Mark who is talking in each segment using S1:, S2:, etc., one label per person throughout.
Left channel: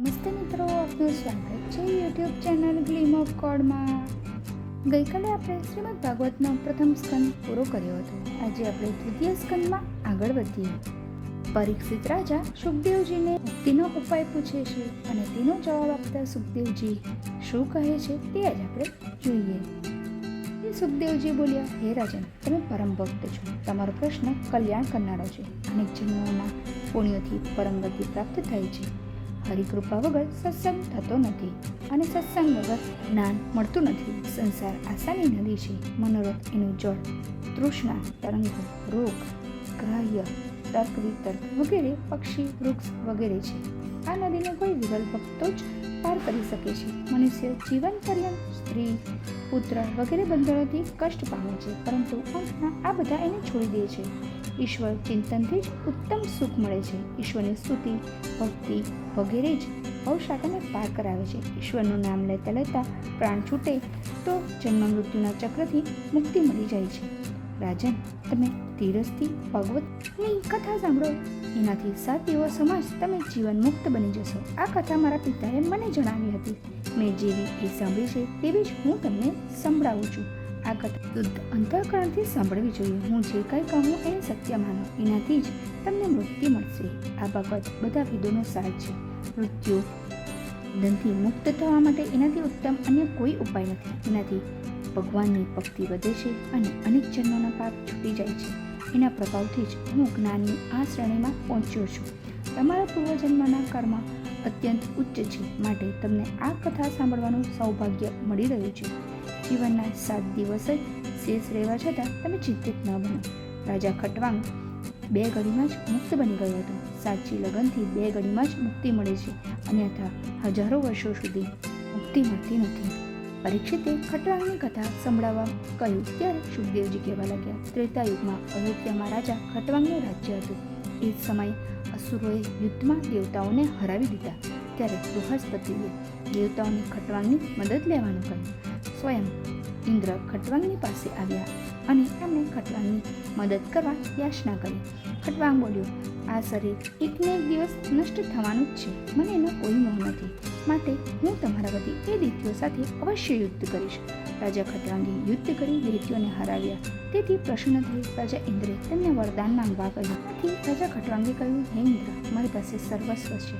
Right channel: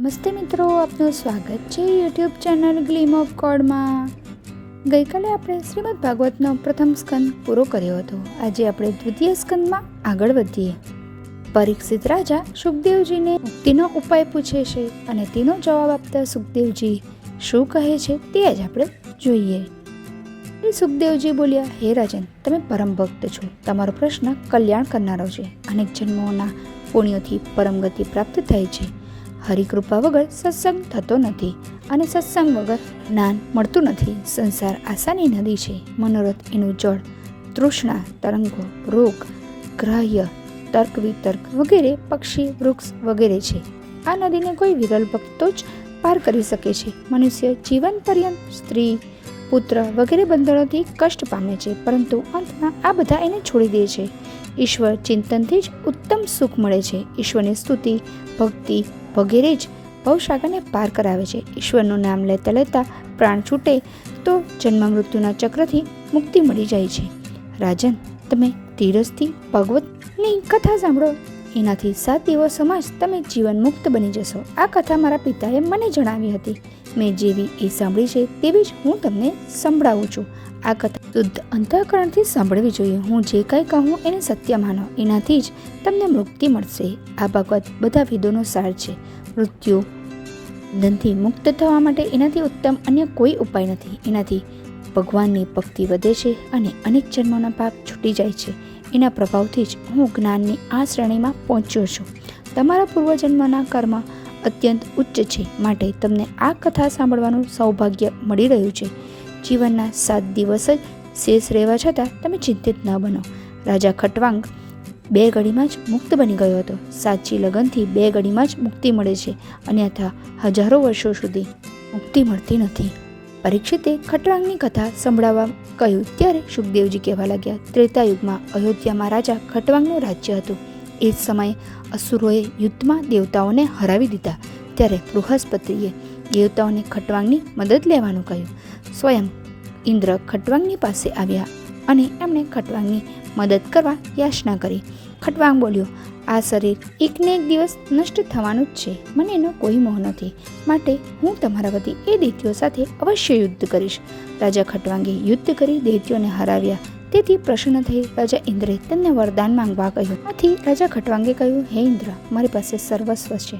S1: નમસ્તે મિત્રો, આપનું સ્વાગત છે યુટ્યુબ ચેનલ ગ્લીમ ઓફ કોડમાં ગઈકાલે આપણે શ્રીમદ ભાગવતનો પ્રથમ સ્કંદ પૂરો કર્યો હતો. આજે આપણે દ્વિતીય સ્કંદમાં આગળ વધીએ. પરીક્ષિત રાજા સુખદેવજીને મુક્તિનો ઉપાય પૂછે છે અને તેનો જવાબ આપતા સુખદેવજી શું કહે છે તે જ આપણે જોઈએ. સુખદેવજી બોલ્યા, હે રાજન, તમે પરમ ભક્ત છો. તમારો પ્રશ્ન કલ્યાણ કરનારો છે. અનેક જન્મોના પુણ્યોથી પરમ ગતિ પ્રાપ્ત થાય છે. હરિકૃપા વગર સત્સંગ થતો નથી અને સત્સંગ વગર જ્ઞાન મળતું નથી. સંસાર આશાની નદી છે. મનોરથ એનું જળ, તૃષ્ણા, તરંગો, રોગ, ગ્રાહ્ય, તર્ક વિતર્ક વગેરે પક્ષી, વૃક્ષ વગેરે છે. આ નદીને કોઈ વિરલ ભક્તો જ પાર કરી શકે છે. મનુષ્ય જીવન પર્યંત સ્ત્રી, પુત્ર વગેરે બંધનોથી કષ્ટ પામે છે, પરંતુ અંતમાં આ બધા એને છોડી દે છે. ઈશ્વર ચિંતનથી જ ઉત્તમ સુખ મળે છે. ઈશ્વરની સ્તુતિ, ભક્તિ વગેરે જ ભવસાગરને પાર કરાવે છે. ઈશ્વરનું નામ લેતા લેતા પ્રાણ છૂટે તો જન્મ મૃત્યુના ચક્રથી મુક્તિ મળી જાય છે. રાજન, તમે ધીરજથી ભગવતની કથા સાંભળો. એનાથી સાત દિવસોમાં જ તમે જીવન મુક્ત બની જશો. આ કથા મારા પિતાએ મને જણાવી હતી. મેં જેવી એ સાંભળી છે તેવી જ હું તમને સંભળાવું છું. આ કથા શુદ્ધ અંતઃકરણથી સાંભળવી જોઈએ. હું જે કંઈ કહું એને સત્ય માનો. એનાથી જ તમને મુક્તિ મળશે. આ ભગવત બધા વિદોનો સાર છે. મૃત્યુ ધનથી મુક્ત થવા માટે એનાથી ઉત્તમ અન્ય કોઈ ઉપાય નથી. એનાથી ભગવાનની ભક્તિ વધે છે અને અનેક જન્મોના પાપ છૂટી જાય છે. એના પ્રભાવથી જ હું જ્ઞાનની આ શ્રેણીમાં પહોંચ્યો છું. તમારા પૂર્વજન્મના કર્મ અત્યંત ઉચ્ચ છે. માટે તમને આ કથા સાંભળવાનું સૌભાગ્ય મળી રહ્યું છે. જીવનના સાત દિવસ જ શેષ રહેવા છતાં તમે ચિંતિત ન બનો. રાજા ખટવાંગ બે ઘડીમાં જ મુક્ત બની ગયો હતો. સાચી લગનથી બે ઘડીમાં જ મુક્તિ મળે છે, અન્યથા હજારો વર્ષો સુધી મુક્તિ મળતી નથી. પરીક્ષિતે ખટવાંગની કથા સંભળાવવા કહ્યું, ત્યારે સુખદેવજી કહેવા લાગ્યા ત્રેતા યુગમાં અયોધ્યામાં રાજા ખટવાંગનું રાજ્ય હતું. એ જ સમયે અસુરોએ યુદ્ધમાં દેવતાઓને હરાવી દીધા, ત્યારે બૃહસ્પતિએ દેવતાઓને ખટવાંગની મદદ લેવાનું કહ્યું. સ્વયં ઇન્દ્ર ખટવાંગની પાસે આવ્યા અને એમણે ખટવાંગની મદદ કરવા યાચના કરી. ખટવાંગ બોલ્યો, આ શરીર એકને એક દિવસ નષ્ટ થવાનું જ છે. મને એનો કોઈ મોહ નથી. માટે હું તમારા વતી એ દૈત્યો સાથે અવશ્ય યુદ્ધ કરીશ. રાજા ખટવાંગે યુદ્ધ કરી દૈત્યોને હરાવ્યા. તેથી પ્રસન્ન થઈ રાજા ઇન્દ્રે તેમને વરદાન માંગવા કહ્યું. આથી રાજા ખટવાંગે કહ્યું, હે ઇન્દ્ર, મારી પાસે સર્વસ્વ છે.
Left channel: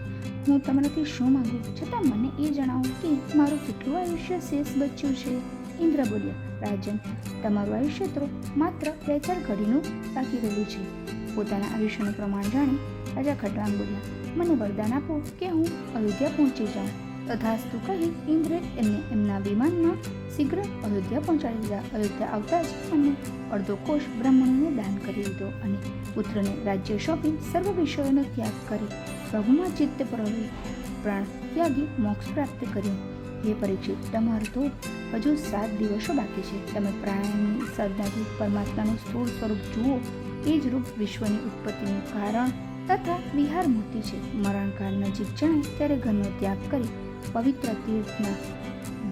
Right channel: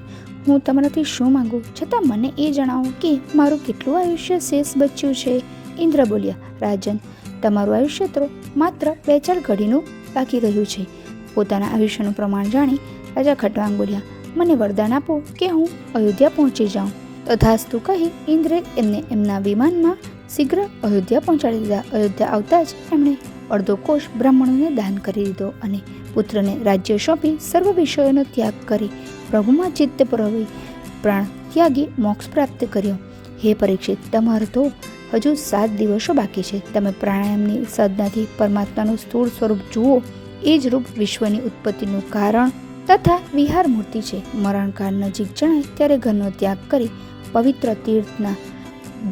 S1: હું તમારાથી શું માંગુ? છતાં મને એ જણાવો કે મારું કેટલું આયુષ્ય શેષ બચ્યું છે? ઇન્દ્ર બોલ્યા, રાજન, તમારું આયુષ્ય તો માત્ર બે ચાર ઘડીનું બાકી રહ્યું છે. પોતાના આયુષ્યનું પ્રમાણ જાણી રાજા ખટવાંગ બોલ્યા મને વરદાન આપો કે હું અયોધ્યા પહોંચી જાઉં. તથાસ્તુ કહી ઇન્દ્રે એમને એમના વિમાનમાં શીઘ્ર અયોધ્યા પહોંચાડી દીધા. અયોધ્યા આવતા જ એમણે અડધો કોષ બ્રાહ્મણોને દાન કરી દીધો અને પુત્રને રાજ્ય સોંપી સર્વ વિષયોનો ત્યાગ કરી પ્રભુમાં ચિત્ત પ્રવી પ્રાણ ત્યાગી મોક્ષ પ્રાપ્ત કર્યો. હે પરીક્ષિત, તમારો તો હજુ સાત દિવસો બાકી છે. તમે પ્રાણાયામની સાધનાથી પરમાત્માનું સ્થૂળ સ્વરૂપ જુઓ. એ જ રૂપ વિશ્વની ઉત્પત્તિનું કારણ તથા વિહાર મૂર્તિ છે. મરણકાળ નજીક જણાય ત્યારે ઘરનો ત્યાગ કરી પવિત્ર તીર્થના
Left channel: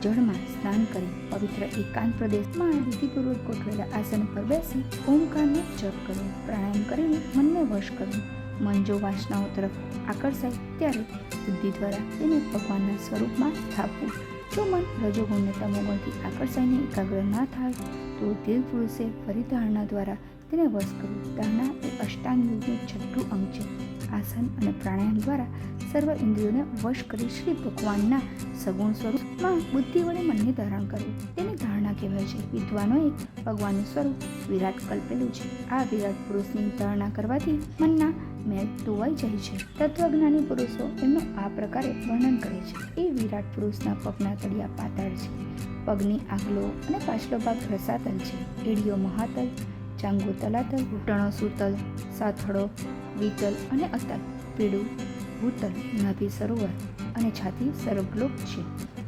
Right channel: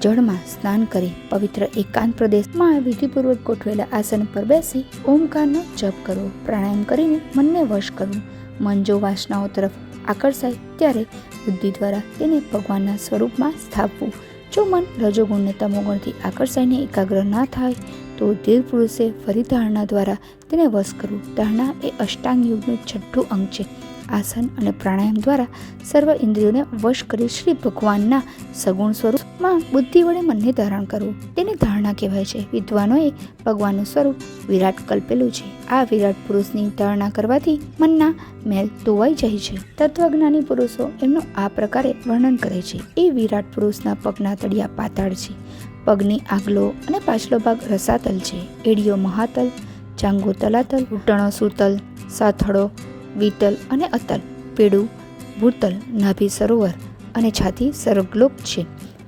S1: જળમાં સ્નાન કરી પવિત્ર એકાંત પ્રદેશમાં વિધિપૂર્વક ગોઠવેલા આસન પર બેસી ઓમકારનો જપ કરવો, પ્રાણાયામ કરીને મનને વશ કરવું. મન જો વાસનાઓ તરફ આકર્ષાય ત્યારે બુદ્ધિ દ્વારા તેને ભગવાનના સ્વરૂપમાં સ્થાપવું. જો મન રજોગુણને તમોગુણથી આકર્ષાઈને એકાગ્ર ના થાય, તો ધીર પુરુષે ફરી ધારણા દ્વારા તેને વશ કરવું. ધારણા એ અષ્ટાંગ યુગનું છઠ્ઠું અંગ છે. આસન અને પ્રાણાયામ દ્વારા સર્વ ઇન્દ્રિયોને વશ કરી શ્રી ભગવાનના સગુણ સ્વરૂપમાં બુદ્ધિ વડે મનને ધારણ કરવું. તેને ધારણા કહેવાય છે, વિદ્વાનોએ ભગવાનનું સ્વરૂપ વિરાટ કલ્પેલું છે. આ વિરાટ પુરુષની ધારણા કરવાથી મનના મેલ ધોવાઈ જાય છે. તત્વજ્ઞાની પુરુષો એમનું આ પ્રકારે વર્ણન કરે છે. એ વિરાટ પુરુષના પગના તળિયા પાતાળ છે. પગની આગલો અને પાછલો ભાગ રસાતલ છે. એડીઓ મહાતલ ચાંગો તલાતલ ઘૂંટણો સુતલ, સાથળો વિતલ અને અતલ પેડું ભૂતલ, નાભી સરોવર અને છાતી સર્ગલોક છે.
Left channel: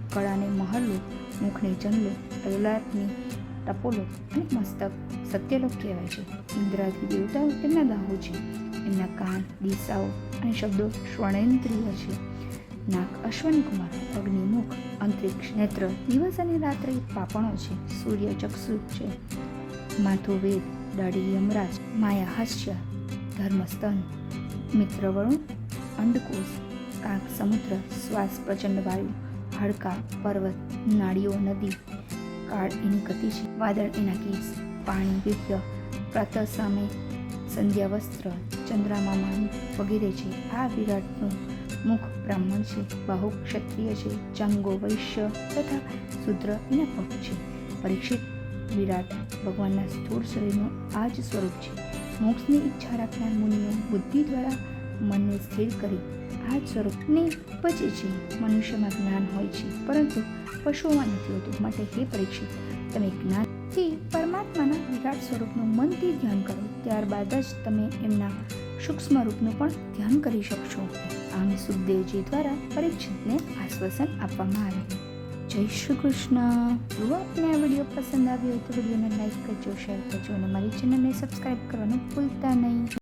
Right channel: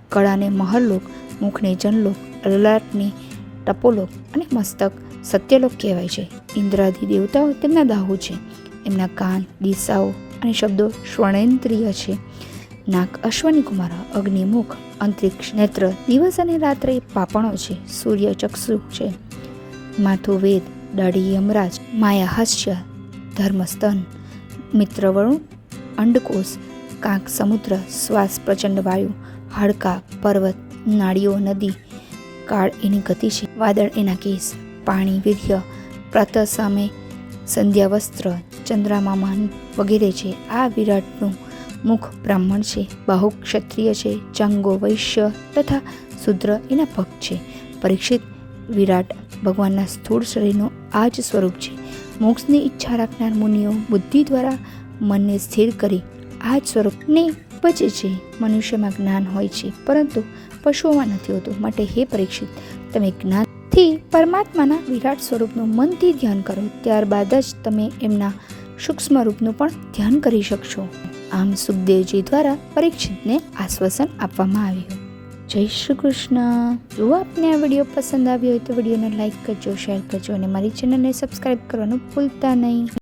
S1: કળાને મહરલોક મુખને જનલોક લલાટને ટપોલોક અને મસ્તક સત્યલોક કહેવાય છે. ઇન્દ્રાદી દેવતાઓ તેમના દાહુ છે. એમના કાન, દિશાઓ અને શબ્દો શ્વણેન્દ્રિય છે. નાક અશ્વની કુમાર અગ્નિમુખ અંતરિક્ષ નેત્ર, દિવસ અને રાત્રે પાપણો છે. સૂર્ય ચક્ષુ છે. માથું વેદ, દાઢી યમરાજ, માયા હાસ્ય ધર્મસ્તન મિત્રવણું અંડકોષ કાંક સમુદ્ર શ્વાસ પ્રચંડ વાયુ હાડકા પર્વત નાળીઓ નદી કાળ એની ગતિ છે વાદળ એના કેસ પાણી વીર્ય પ્રાતઃ સામે સંધ્યા વસ્ત્ર ચંદ્રમામાન વગેરે છે આ વિરાટનું મુખ બ્રાહ્મણ છે બાહુ ક્ષત્રિય છે ચાંગો વૈશ્ય તથા શુદ્ર એના ભક્ત છે પરીક્ષિત વિરાટ ભગવાનના સ્થૂળ શરીરનું આ જ સ્વરૂપ છે મોક્ષની ઈચ્છા રાખનાર મુનિઓ બુદ્ધિ દ્વારા મનને સ્થિર કરી આ જ સ્વરૂપને પચે છે. મનુષ્યમાં જ્ઞાન હોય છે, પરંતુ પશુઓમાં નથી હોતું. માટે હે પરીક્ષિત, તમે જ્ઞાનથી પરમાત્માના વિરાટ સ્વરૂપનું મનથી ધ્યાન કરો. ત્યારબાદ જ તમે એમના સૂક્ષ્મ રૂપનું પણ ધ્યાન કરી શકશો. આમ સુખદેવજી દ્વારા પરીક્ષિતને આશ્વાસન આપવામાં આવ્યું. જય શ્રી કૃષ્ણ. જો આપને આ વીડિયો પસંદ આવ્યો હોય તો વિડીયોને લાઇક કરજો, શેર કરજો અને મારી ચેનલને સબસ્ક્રાઈબ કરવાનું ભૂલતા નહીં.